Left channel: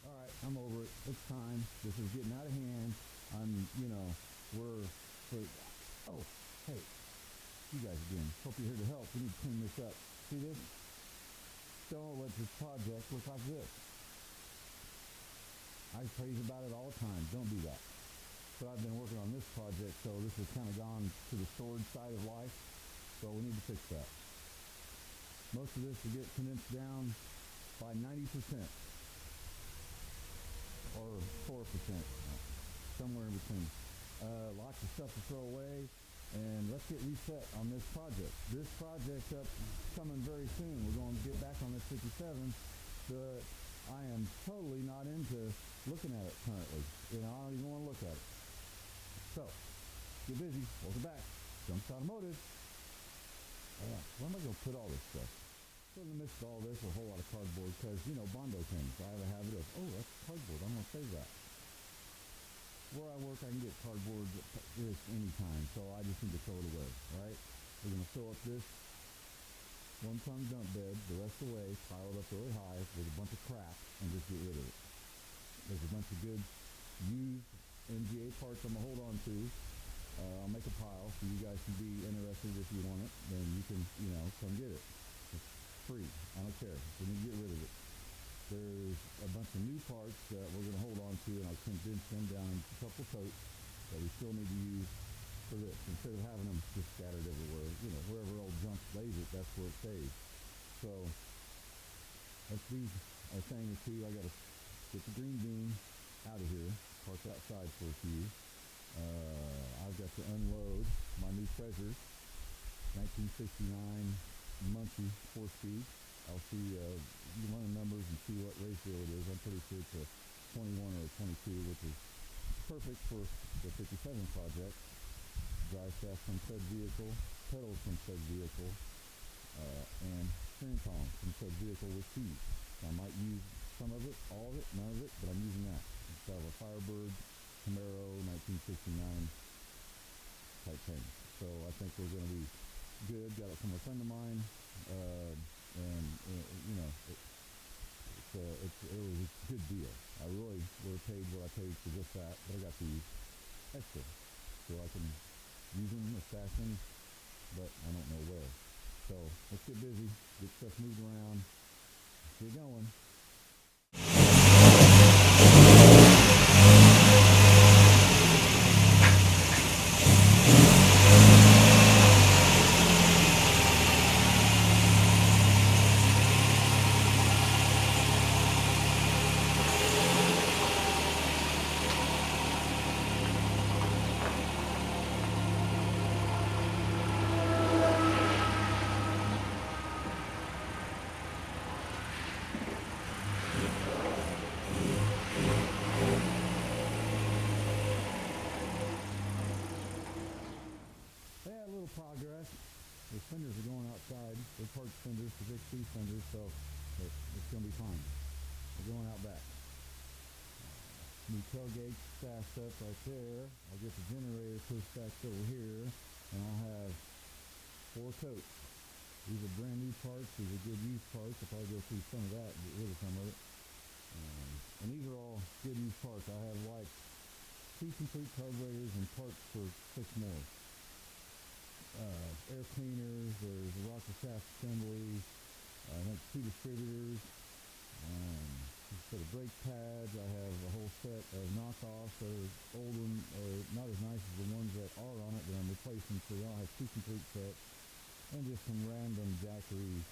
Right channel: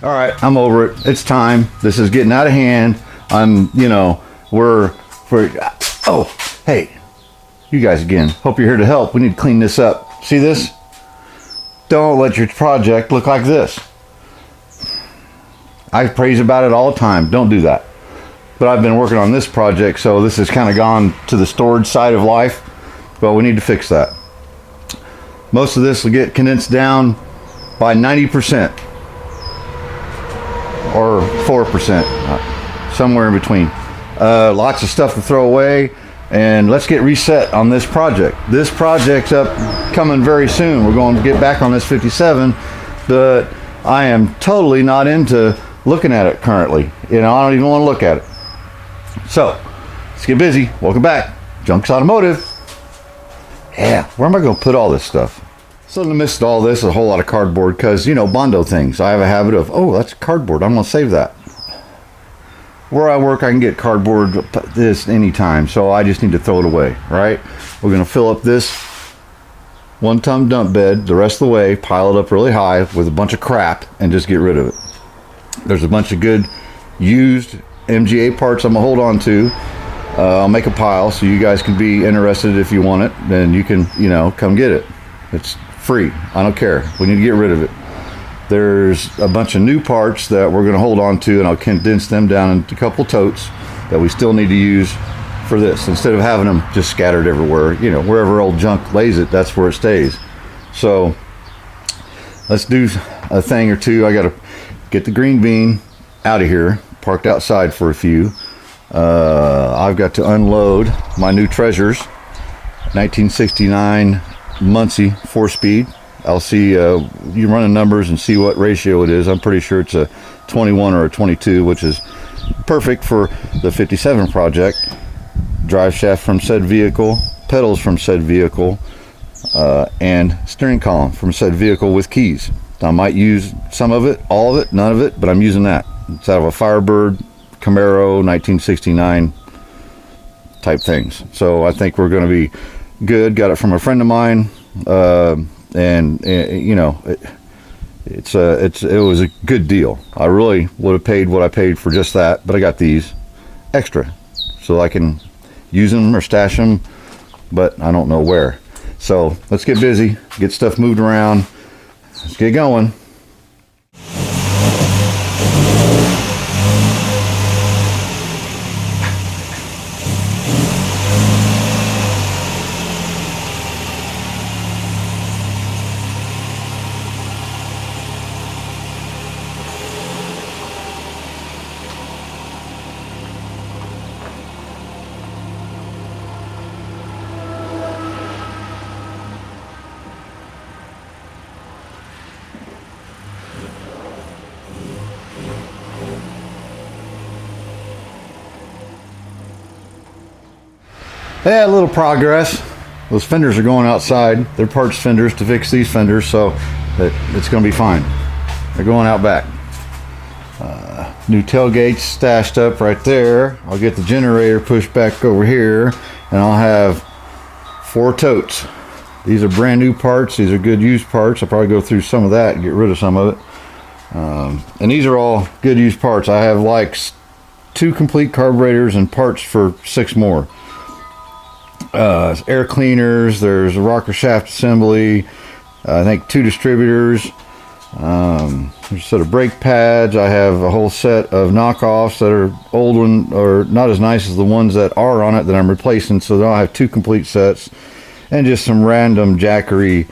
All right, I'm over it. It's time. This is getting out of hand. Oh, hey, you guys again. Hope you're here to help. We need to clean this up. See this? Don't let your project look like this. I praise about it all the time. Don't do that. But I've been working on this project, so this has kind of gone to the storage side of life. Well, we need to fix that. Most of this will get condensed down by 90% or 4%, somewhere in between. Lots of stuff to throw away, and let's get reset on this project. This project's coming very soon. We're going to get back on this 57, but I am totally not into looking at it currently. I don't even want to look at it. So let's get busy. Welcome back, Junks Automotive. Yeah, where am I going to put all this stuff? So in the midst of all this, a whole lot of cardboard, because Bondo things. I have a habit of, oh, that's cardboard, I'm going to save that. Where I work, I can get cardboard this anytime, so I just need to throw it away, right? We're going to fill up this 1-ton dump bed the rest of the way, pile it up really high with a bunch of crap, and just get rid of it. There's a bunch of good used MGA parts I'm going to hold on to. I'll make a pile so you guys can be interested if you want it. Then you can, come get it. It's free. I don't care. We need to get rid of it. There's a bunch of new parts that we're going to hold on to, and I'll condense them down into a couple totes that we still need to use for this. Instead of having them just scattered everywhere, wherever old junk lays it, that's where it stays. So let's do a thing or two. I got to get the green bean out of here, parked outside for a few. I've got to unload my new treasures, 1969 Muncie 4-speed. I'll see, you run the numbers and see what ratio it is. I'm pretty sure it's a 21 or a 22, which is perfect for the 57 project. Drive shaft from said vehicle, pedals from said vehicle, and steering column from said vehicle with keys. I might use some of it, all of it, none of it, but I'm using that. It's out of a Firebird Camaro 1969 type things. So I think we're going to be good. Got it from a friend of mine, and it was a good deal. I really would have paid what I paid for just that, but I got these extra so I can use them or stash them, but I don't know where. So let's get busy, get stuff moved around. Let's get going. Yeah, a little progress. Those fenders are going outside. They're parts fenders to fix these fenders, so it's going to be fine. They're going out back. New tailgates stashed up right there. I'll get the generator pushed back over here, and I'll have 4 totes. These are brand new parts. These are good used parts. I'll probably go through some of that and get rid of some of it. And these are all good used parts. I have like 2 complete carburetors and parts for 6 more. Air cleaners, there's a rocker shaft assembly, I think 2 distributors, there's a set of brake pads. I have a whole set of knockoffs that are old one or not as nice as the ones that are on it that I'm replacing, so then I'll have 2 complete sets, and just some random jackery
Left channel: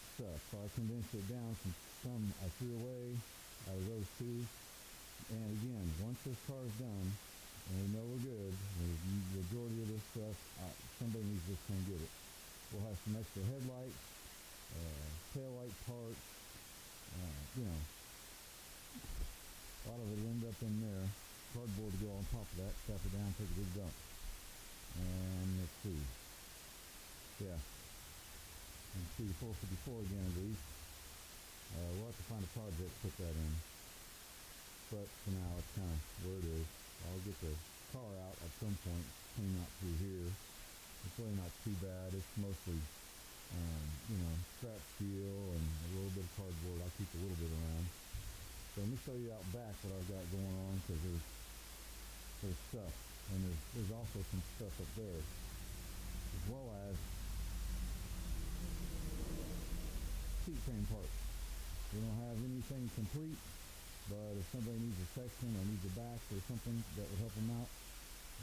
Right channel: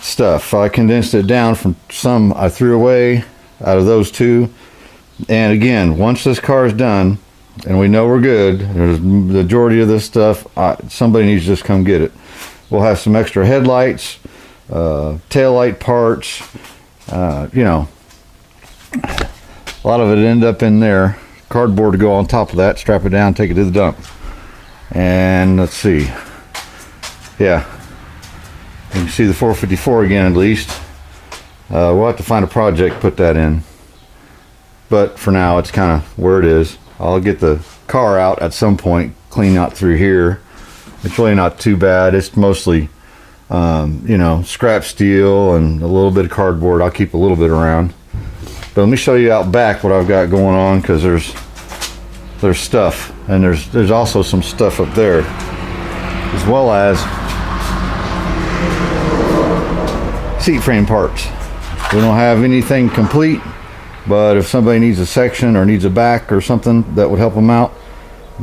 stuff. I condensed it down from some I threw away out of those 2, and again, once this car is done and we know we're good, there's the majority of this stuff, somebody needs to just come get it. We'll have some extra headlights, tail light parts, a lot of it end up in there. Cardboard to go on top of that, strap it down, take it to the dump. And let's see, yeah, you can see the 454 again at least. We'll have to find a project, put that in, but for now it's kind of where it is. I'll get the car out at some point, clean out through here. It's really not too bad. It's mostly, scrap steel and a little bit of cardboard. I'll keep a little bit around. But let me show you out back what I've got going on, because there's stuff, and there's also some stuff up there, as well as seat frame parts. We don't have anything complete, but if somebody needs a section or needs a back or something that would help them out,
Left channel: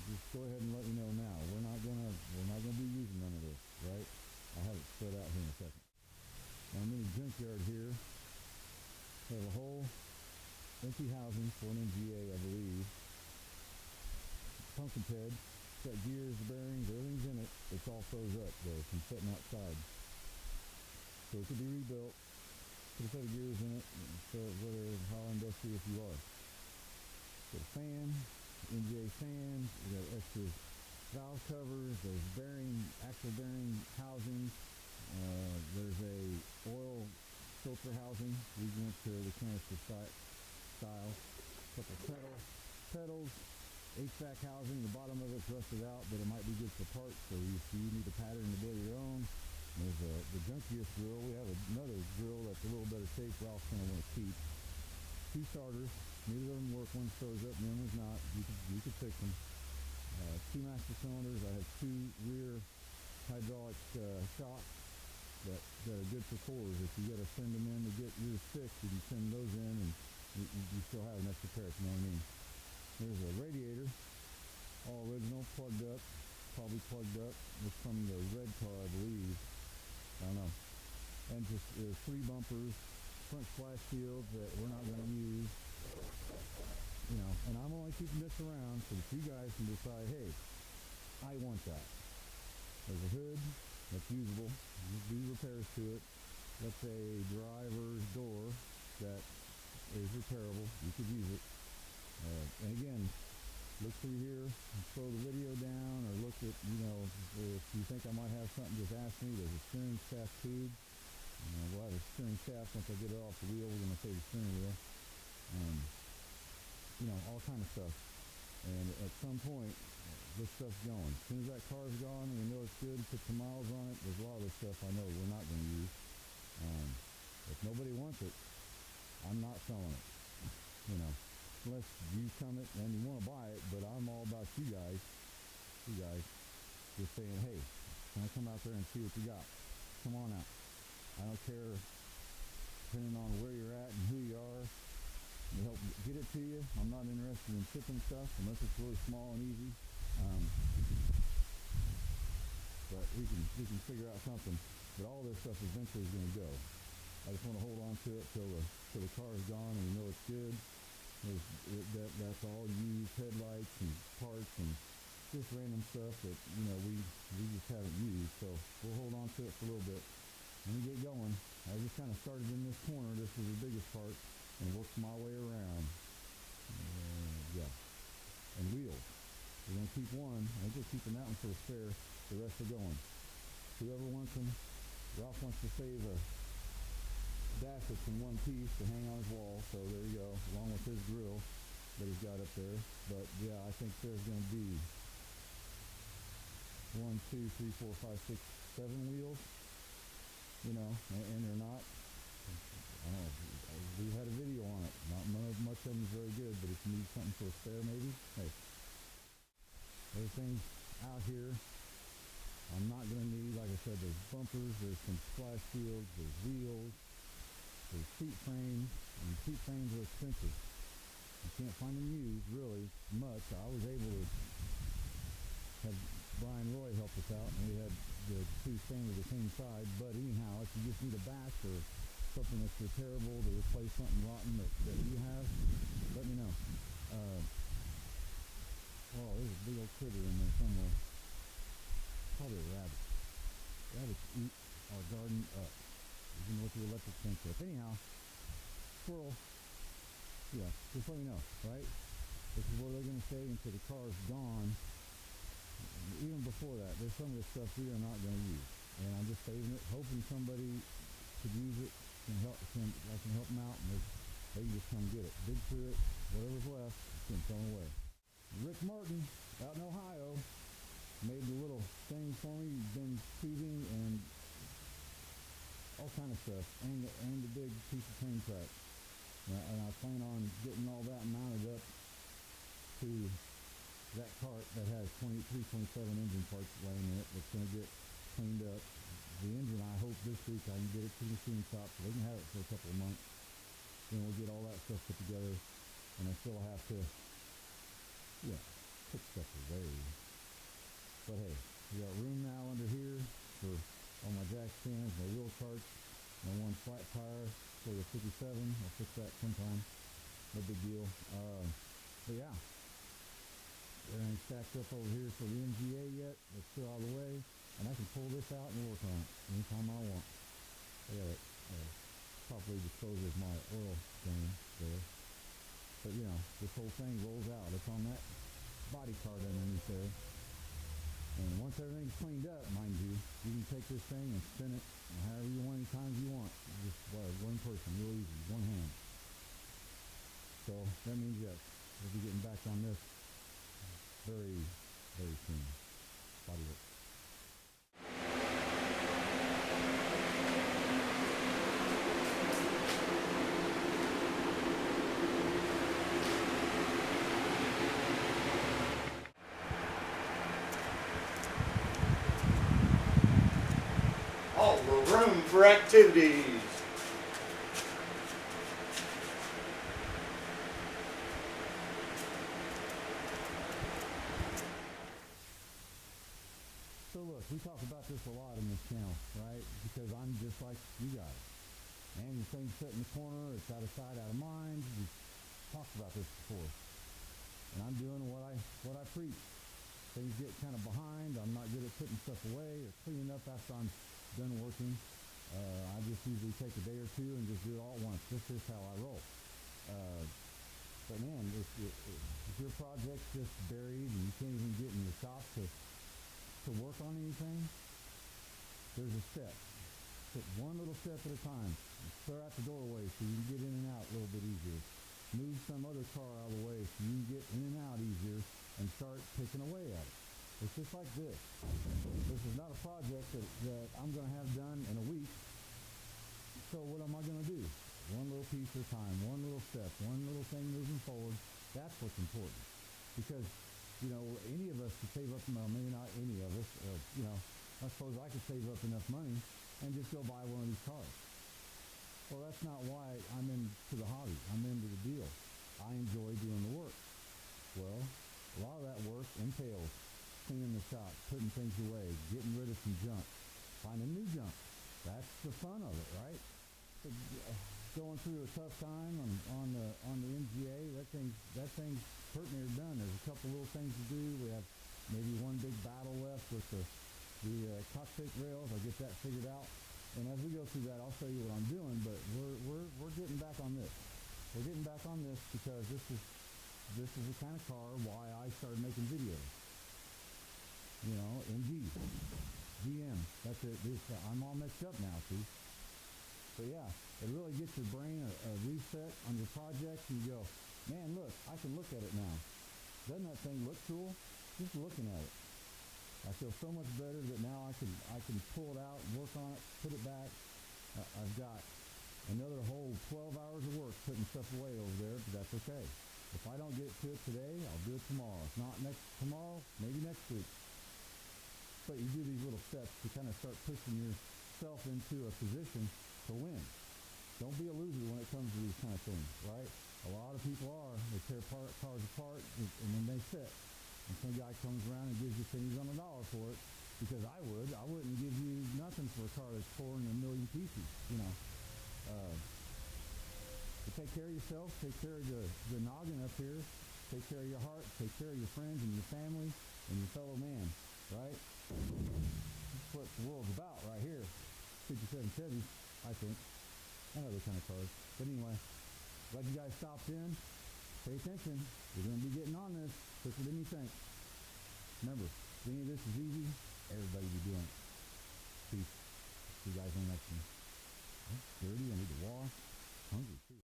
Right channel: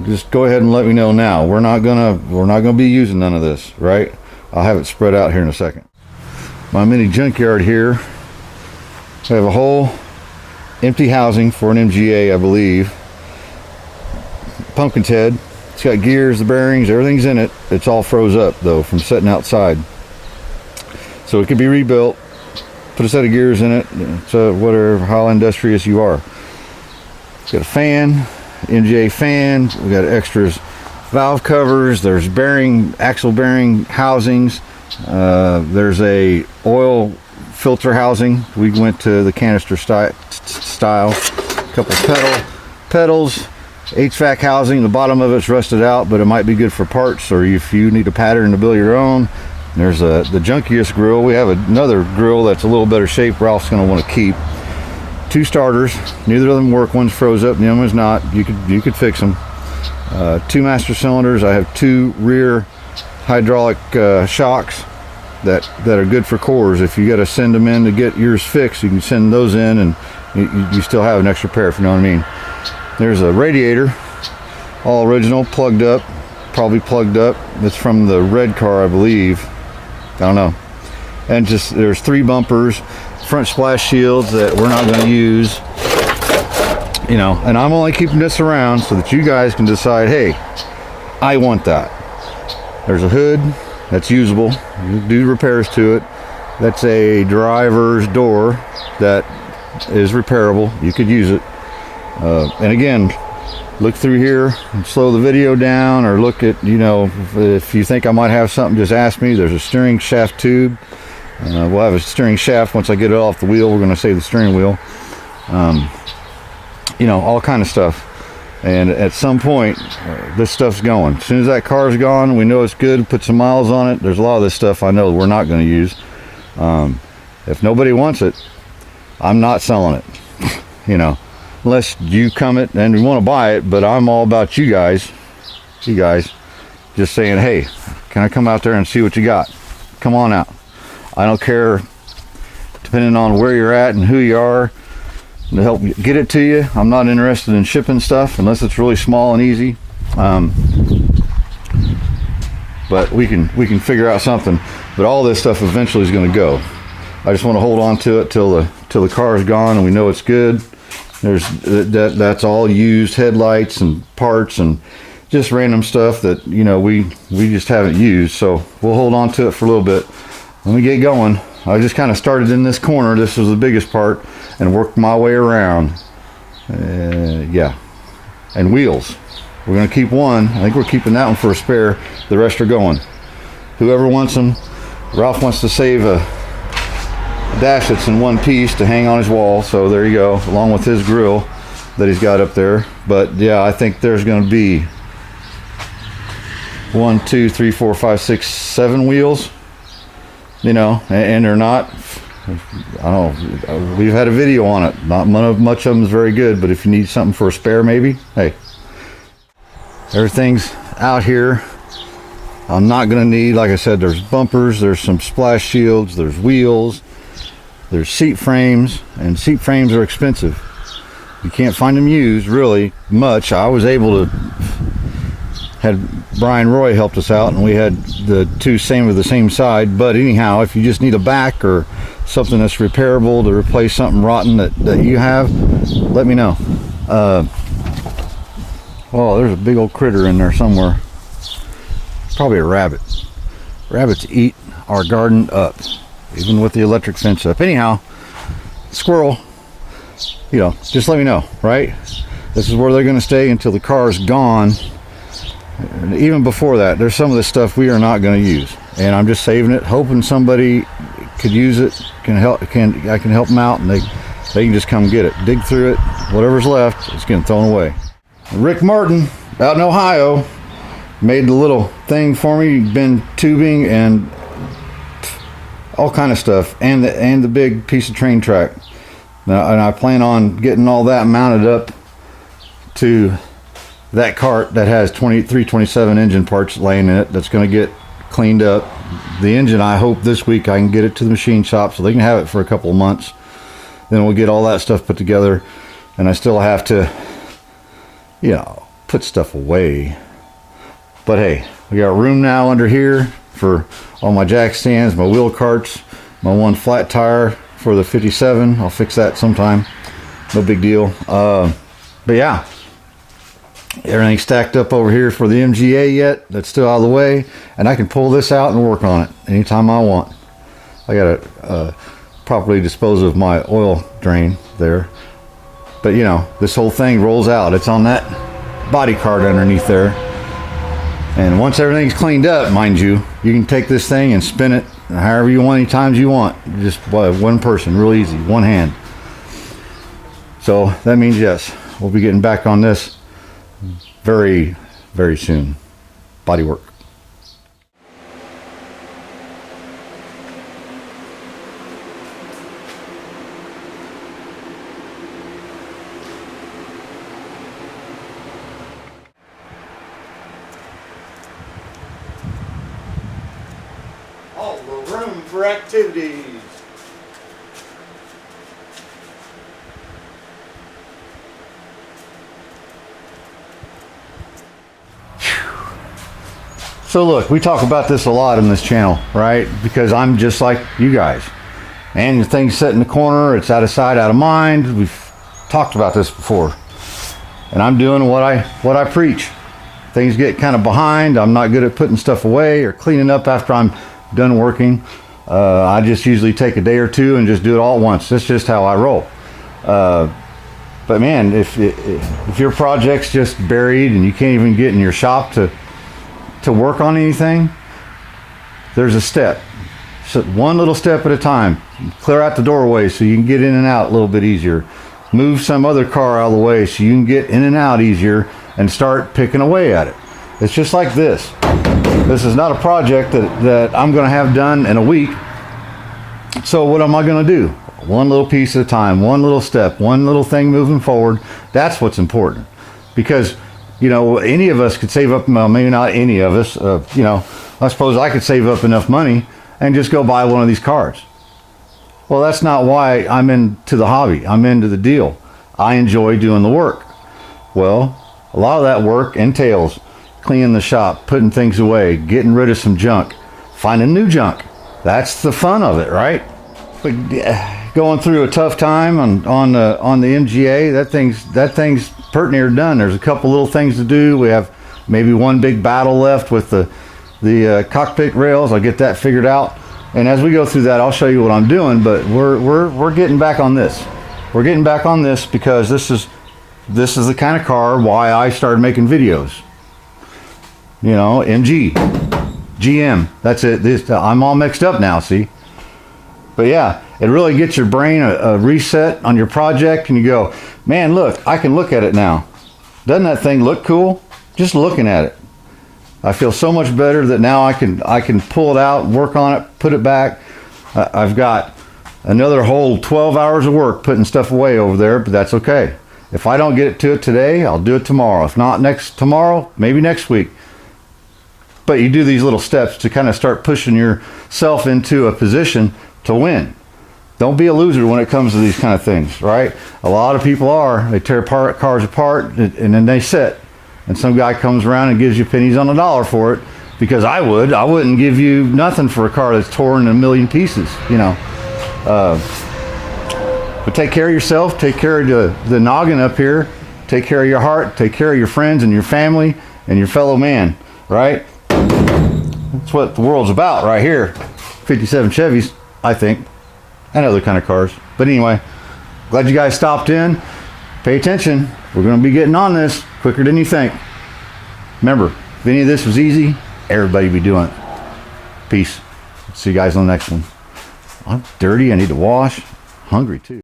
just go ahead and let me know now. We're not gonna be using none of this, right? I'll have it spread out here in a second. My mini junkyard here. I have a whole empty housing for an MGA, I believe. Pumpkin's head. It's got gears, the bearings, everything's in it. It's all froze up though from sitting outside. So it could be rebuilt. Put a set of gears in it. It's whatever, how industrious you are. It's got a fan, MGA fan. We got extras, valve covers. There's axle bearing housings. There's a oil filter housing. We went to the canister style. A couple pedals, HVAC housing. The bottom of it's rusted out, but it might be good for parts, or if you need a pattern to build your own. There's the junkiest grill. We have another grill that's a little better shape Ralph's going to want to keep. 2 starters. Neither of them work. One's froze up, the other one's not. You could fix them. 2 master cylinders. I have 2 rear hydraulic shocks that are good for cores. If you got to send them in to get yours fixed, you can send those in, and you still have an extra pair, if you know what I mean. There's a radiator, all original, plugged up, probably plugged up. It's from the red car, I believe. I don't know. And just there's 3 bumpers, front splash shields that we're not going to use, you know. And I'm only keeping this around so that you guys can decide, hey, I want that. There's a hood that's usable. You do repairs to it. That's a driver's door that is repairable. You could use it. And again, look through here and slow the video down, or look at, you know, if you think I might have something, just ask me. There's a steering shaft tube. We'll have a steering shaft once I get it off the wheel. We're going to save the steering wheel. You know, all kind of stuff. And at some point, this stuff's going. As soon as that car's gone, we know it's good, put some miles on it. There's a lot of this stuff I know we're not going to use. If nobody wants it, I'm not selling it. You know, unless you come it and you want to buy it. But I'm all about you guys just saying, hey, can I come out there and see what you got? Come on out. I don't care, depending on where you're at and who you are, to help get it to you. I'm not interested in shipping stuff unless it's really small and easy. But we can figure out something. But all this stuff eventually is going to go. I just want to hold on to it till the car is gone and we know it's good. That's all used headlights and parts and just random stuff that, you know, we just haven't used. So we'll hold on to it for a little bit. Let me get going. I just kind of started in this corner. This was the biggest part, and worked my way around. Yeah. And wheels. We're going to keep one. I think we're keeping that one for a spare. The rest are going. Whoever wants them. Ralph wants to save a dash that's in one piece to hang on his wall. So there you go, along with his grill that he's got up there. But yeah, I think there's going to be 1, 2, 3, 4, 5, 6, 7 wheels. You know, and they're not, I don't know, we've had a video on it. Not much of them is very good, but if you need something for a spare, maybe, hey. Everything's out here. I'm not going to need, like I said, there's bumpers, there's some splash shields, there's wheels, there's seat frames, and seat frames are expensive. You can't find them used really much. I was able to, had Brian Roy helped us out, and we had the 2 same of the same side. But anyhow, if you just need a back or something that's repairable to replace something rotten that you have, let me know. Oh, there's a big old critter in there somewhere. Probably a rabbit. Rabbits eat our garden up, even with the electric fence up. Anyhow, squirrel, you know, just let me know, right? This is where they're going to stay until the car is gone. Even before that, there's some of this stuff we are not going to use, and I'm just saving it, hoping somebody could use it, I can help them out, and they can just come get it, dig through it, whatever's left, it's getting thrown away. Rick Martin out in Ohio made the little thing for me, been tubing and all kind of stuff, and the big piece of train track. Now, and I plan on getting all that mounted up to that cart that has 327 engine parts laying in it. That's going to get cleaned up. The engine, I hope this week I can get it to the machine shop so they can have it for a couple of months. Then we'll get all that stuff put together, and I still have to, you know, put stuff away. But hey, we got room now under here for all my jack stands, my wheel carts, my one flat tire for the 57. I'll fix that sometime. No big deal. But yeah, everything's stacked up over here for the MGA yet. That's still out of the way, and I can pull this out and work on it anytime I want. I gotta properly dispose of my oil drain there. But you know, this whole thing rolls out. It's on that body cart underneath there. And once everything's cleaned up, mind you, you can take this thing and spin it however you want, any times you want. Just one person, real easy, one hand. So that means yes, we'll be getting back on this very, very soon. Body work. All the room for activities. So look, we talk about this a lot on this channel, right? Because I'm just like you guys. And the thing's set in the corner, it's out of sight, out of mind. We've talked about this before. And I'm doing what I preach. Things get kind of behind. I'm not good at putting stuff away or cleaning up after I'm done working. I just usually take a day or two and just do it all at once. That's just how I roll. But man, if your project's just buried and you can't even get in your shop to work on anything, there's a step. So one little step at a time. Clear out the doorway so you can get in and out a little bit easier. Move some other car out of the way so you can get in and out easier and start picking away at it. It's just like this. This is not a project that I'm going to have done in a week. So what am I going to do? One little piece at a time, one little step, one little thing moving forward. That's what's important. Because, you know, any of us could save up, well, maybe not any of us, you know, I suppose I could save up enough money and just go buy one of these cars. Well, that's not why I'm into the hobby. I'm into the deal. I enjoy doing the work. Well, a lot of that work entails cleaning the shop, putting things away, getting rid of some junk, finding new junk. That's the fun of it, right? But going through a tough time on the MGA, that thing's pretty near done. There's a couple little things to do. We have maybe one big battle left with the cockpit rails. I'll get that figured out. And as we go through that, I'll show you what I'm doing. But we're getting back on this. We're getting back on this because this is the kind of car why I started making videos. You know, MG, GM, that's it. I'm all mixed up now, see? But yeah, it really gets your brain a reset on your project, and you go, man, look, I can look at it now. Doesn't that thing look cool? Just looking at it. I feel so much better that now I can pull it out, work on it, put it back. I've got another whole 12 hours of work putting stuff away over there, but that's okay. If I don't get to it today, I'll do it tomorrow. If not tomorrow, maybe next week. But you do these little steps to kind of start pushing yourself into a position to win. Don't be a loser when it comes to these kind of things, right? A lot of people are. They tear cars apart and then they sit. And some guy comes around and gives you pennies on the dollar for it, because I wouldn't give you nothing for a car that's torn in a million pieces, you know. But take care of yourself, take care of the noggin up here, take care of your heart, take care of your friends and your family and your fellow man, right? That's what the world's about right here. 57 Chevys, I think, and other kind of cars. But anyway, glad you guys stopped in. Pay attention. We're going to be getting on this quicker than you think. Remember, if any of this was easy, everybody would be doing it. Peace. See you guys on the next one. I'm dirty. I need to wash. Hungry too.